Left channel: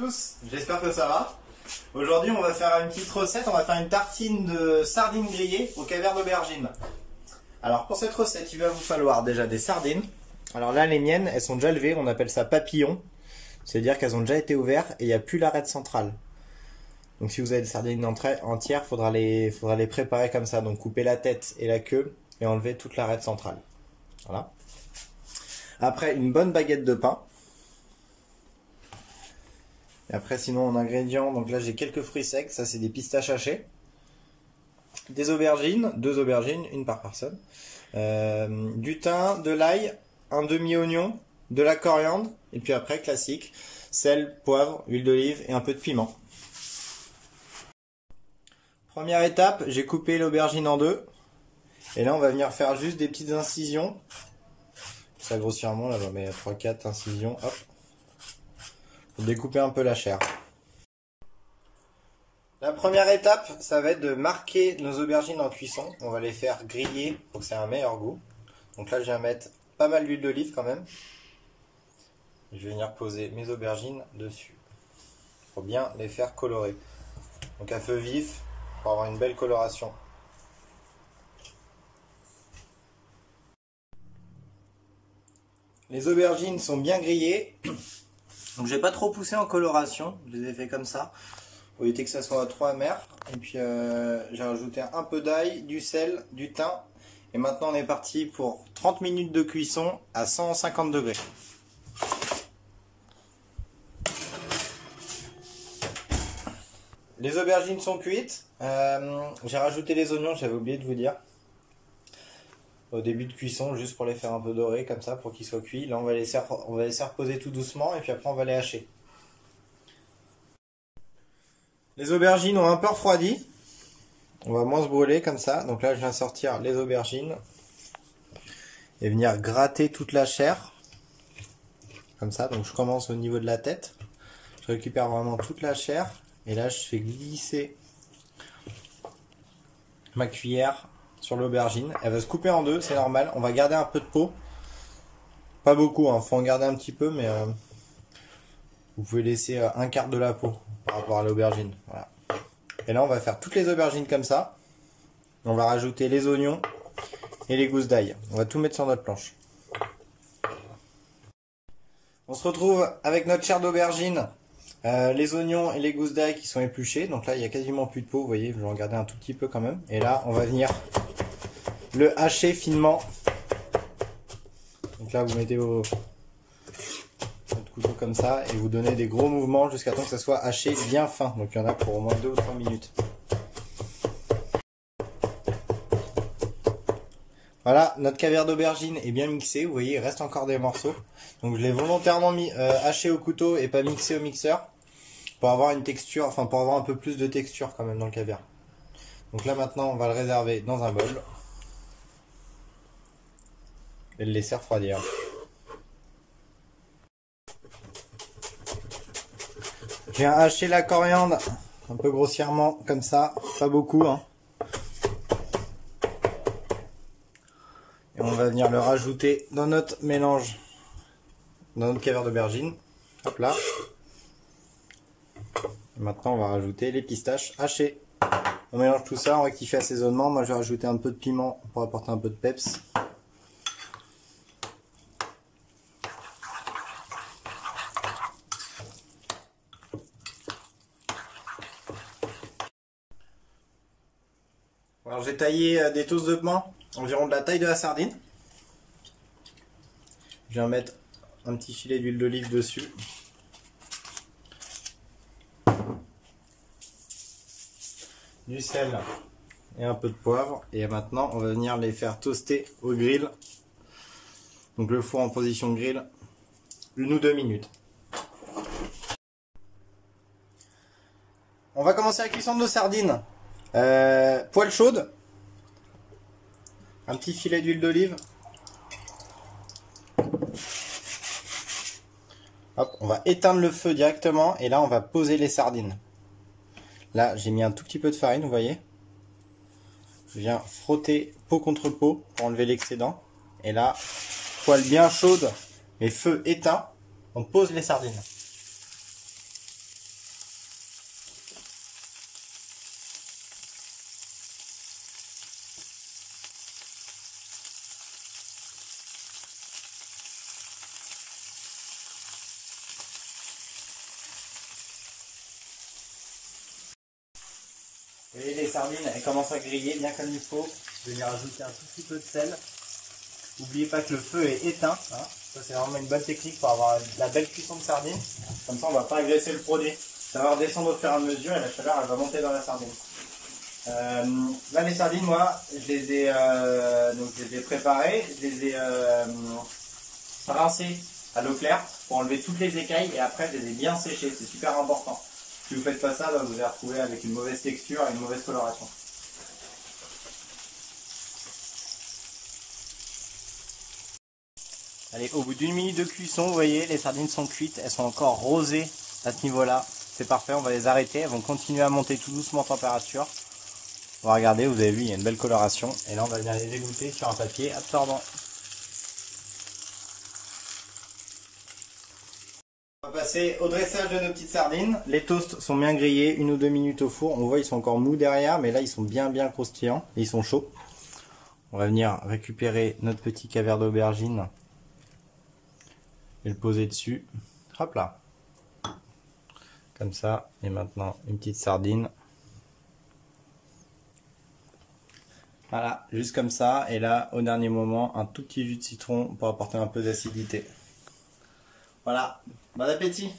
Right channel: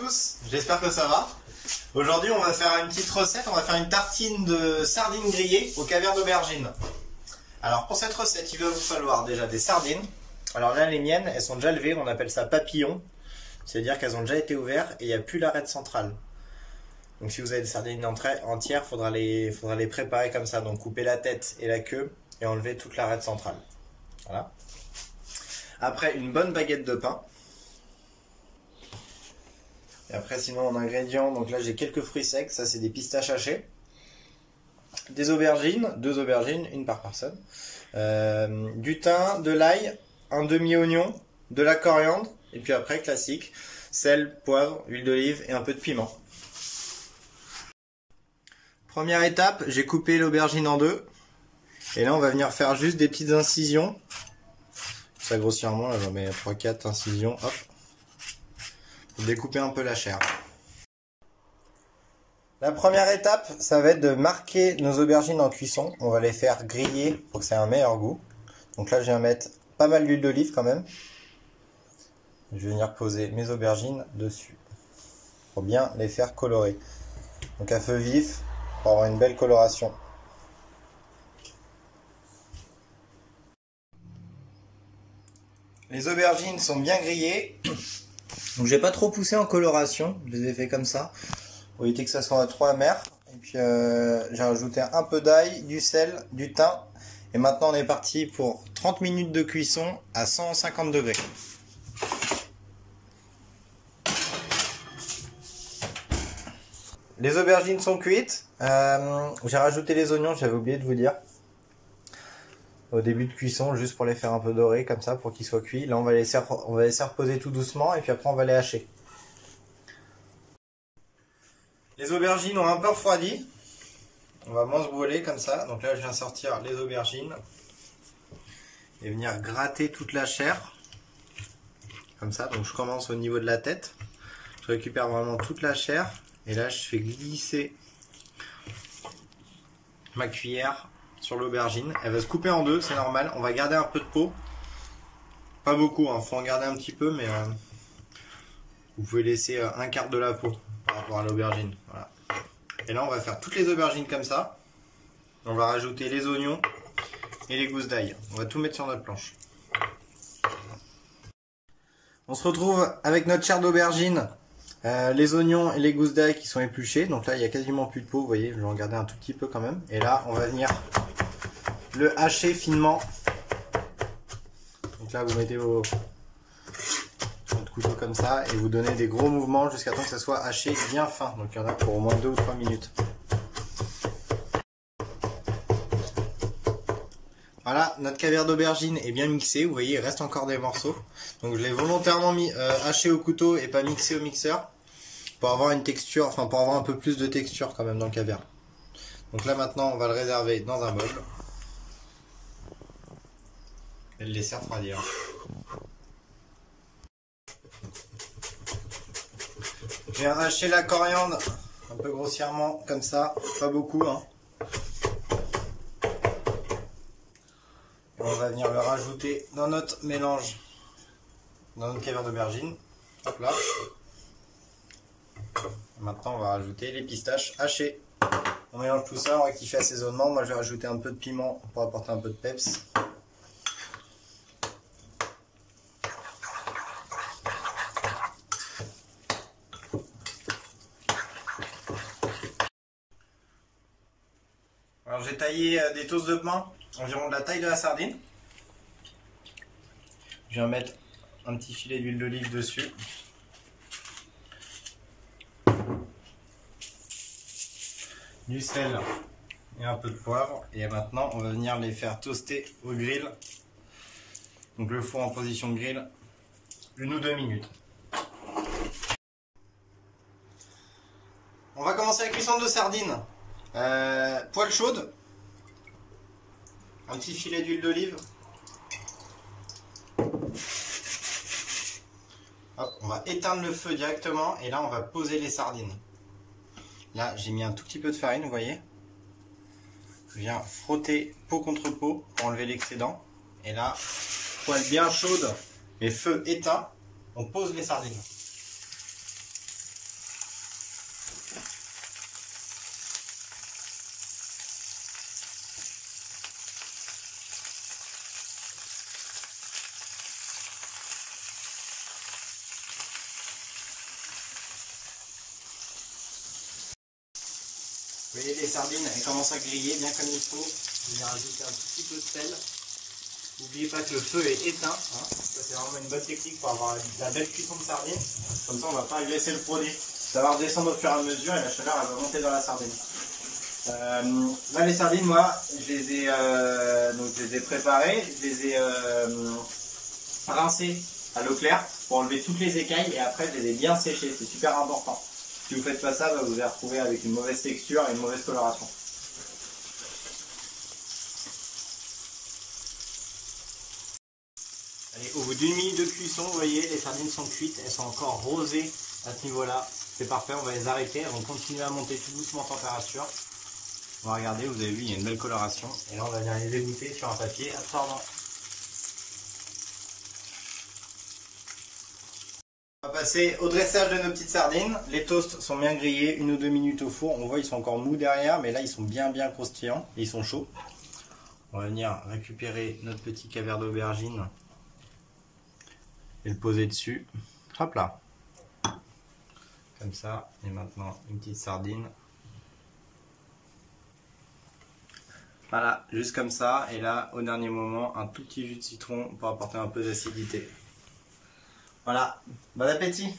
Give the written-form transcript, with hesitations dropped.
tous, j'espère que ça va. Aujourd'hui on va faire une petite recette, on va faire une tartine de sardines grillées au caviar d'aubergine. Alors pour cette recette il va vous falloir déjà des sardines. Alors là les miennes elles sont déjà levées, on appelle ça papillon. C'est-à-dire qu'elles ont déjà été ouvertes et il n'y a plus l'arête centrale. Donc si vous avez des sardines entières, faudra les préparer comme ça. Donc couper la tête et la queue et enlever toute l'arête centrale. Voilà. Après une bonne baguette de pain. Et après sinon en ingrédients, donc là j'ai quelques fruits secs, ça c'est des pistaches hachées. Des aubergines, 2 aubergines, une par personne. Du thym, de l'ail, un demi-oignon, de la coriandre. Et puis après classique, sel, poivre, huile d'olive et un peu de piment. Première étape, j'ai coupé l'aubergine en 2. Et là on va venir faire juste des petites incisions. Ça grossièrement, là j'en mets 3-4 incisions, hop. Pour découper un peu la chair. La première étape, ça va être de marquer nos aubergines en cuisson. On va les faire griller pour que ça ait un meilleur goût. Donc là, je viens mettre pas mal d'huile d'olive quand même. Je vais venir poser mes aubergines dessus pour bien les faire colorer. Donc à feu vif pour avoir une belle coloration. Les aubergines sont bien grillées. Donc je n'ai pas trop poussé en coloration, je les ai fait comme ça, pour éviter que ça soit trop amer. Et puis j'ai rajouté un peu d'ail, du sel, du thym. Et maintenant on est parti pour 30 minutes de cuisson à 150 degrés. Les aubergines sont cuites, j'ai rajouté les oignons, j'avais oublié de vous dire. Au début de cuisson, juste pour les faire un peu dorés comme ça, pour qu'ils soient cuits. Là on va laisser reposer tout doucement et puis après on va les hacher. Les aubergines ont un peu refroidi. On va moins se brûler comme ça. Donc là je viens sortir les aubergines et venir gratter toute la chair. Comme ça, donc je commence au niveau de la tête. Je récupère vraiment toute la chair. Et là je fais glisser ma cuillère sur l'aubergine. Elle va se couper en 2, c'est normal. On va garder un peu de peau. Pas beaucoup, hein. Faut en garder un petit peu, mais vous pouvez laisser un quart de la peau par rapport à l'aubergine. Voilà. Et là, on va faire toutes les aubergines comme ça. On va rajouter les oignons et les gousses d'ail. On va tout mettre sur notre planche. On se retrouve avec notre chair d'aubergine. Les oignons et les gousses d'ail qui sont épluchés. Donc là, il n'y a quasiment plus de peau. Vous voyez, je vais en garder un tout petit peu quand même. Et là, on va venir le hacher finement. Donc là, vous mettez votre couteau comme ça et vous donnez des gros mouvements jusqu'à temps que ça soit haché bien fin. Donc il y en a pour au moins 2 ou 3 minutes. Voilà, notre caviar d'aubergine est bien mixé. Vous voyez, il reste encore des morceaux. Donc je l'ai volontairement haché au couteau et pas mixé au mixeur pour avoir une texture, enfin pour avoir un peu plus de texture quand même dans le caviar. Donc là maintenant, on va le réserver dans un bol et le laisser refroidir. Je viens hacher la coriandre un peu grossièrement comme ça, pas beaucoup, hein. Et on va venir le rajouter dans notre mélange, dans notre caviar d'aubergine. Hop là. Et maintenant on va rajouter les pistaches hachées. On mélange tout ça, on rectifie assaisonnement. Moi je vais rajouter un peu de piment pour apporter un peu de peps. Alors j'ai taillé des toasts de pain environ de la taille de la sardine. Je viens mettre un petit filet d'huile d'olive dessus. Du sel et un peu de poivre. Et maintenant on va venir les faire toaster au grill. Donc le four en position grill 1 ou 2 minutes. On va commencer la cuisson de nos sardines. Poêle chaude, un petit filet d'huile d'olive. Hop, on va éteindre le feu directement et là on va poser les sardines. Là j'ai mis un tout petit peu de farine, vous voyez. Je viens frotter peau contre peau pour enlever l'excédent. Et là, poêle bien chaude, mais feu éteint, on pose les sardines. Vous voyez les sardines, elles commencent à griller bien comme il faut. Je vais y rajouter un tout petit peu de sel. N'oubliez pas que le feu est éteint. Hein. Ça c'est vraiment une bonne technique pour avoir la belle cuisson de sardines. Comme ça on ne va pas agresser le produit. Ça va redescendre au fur et à mesure et la chaleur elle va monter dans la sardine. Là les sardines, moi je les ai préparées, je les ai rincées à l'eau claire pour enlever toutes les écailles et après je les ai bien séchées, c'est super important. Si vous ne faites pas ça, vous allez retrouver avec une mauvaise texture et une mauvaise coloration. Allez, au bout d'une minute de cuisson, vous voyez, les sardines sont cuites, elles sont encore rosées à ce niveau-là. C'est parfait, on va les arrêter, elles vont continuer à monter tout doucement en température. On va regarder, vous avez vu, il y a une belle coloration. Et là, on va venir les égoutter sur un papier absorbant. On va passer au dressage de nos petites sardines. Les toasts sont bien grillés, 1 ou 2 minutes au four. On voit ils sont encore mous derrière, mais là ils sont bien croustillants. Ils sont chauds. On va venir récupérer notre petit caviar d'aubergine et le poser dessus. Hop là. Comme ça. Et maintenant une petite sardine. Voilà, juste comme ça. Et là, au dernier moment, un tout petit jus de citron pour apporter un peu d'acidité. Voilà, bon appétit!